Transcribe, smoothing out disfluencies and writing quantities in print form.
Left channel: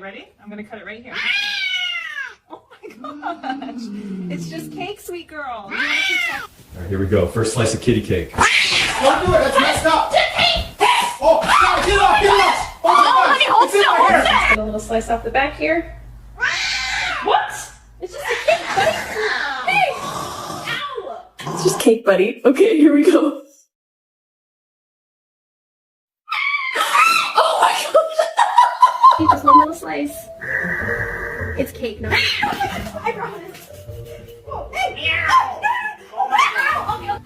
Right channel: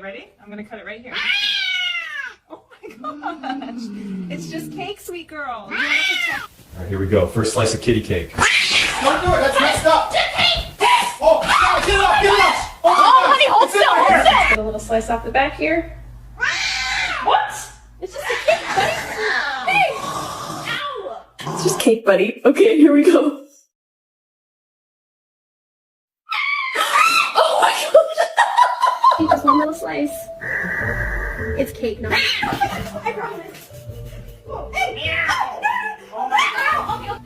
Ready? I'm gonna cut it right here. Oh my gosh. It's just cake, sweet girl. You wanna protect- All right, here we go. First slice of kitty cake. Don't do it. That's messed up. Oh, God, get it up. Get it up. Oh, honey, hold still, hold still. Get a little slice off the back here. What? It's just a cake, buddy. Hey! Ow! It's just cake, buddy. Okay, here we go. Oh my gosh! Just one little slice. It's cake, no. I promise. Oh, hey. Oh my god! Oh my god!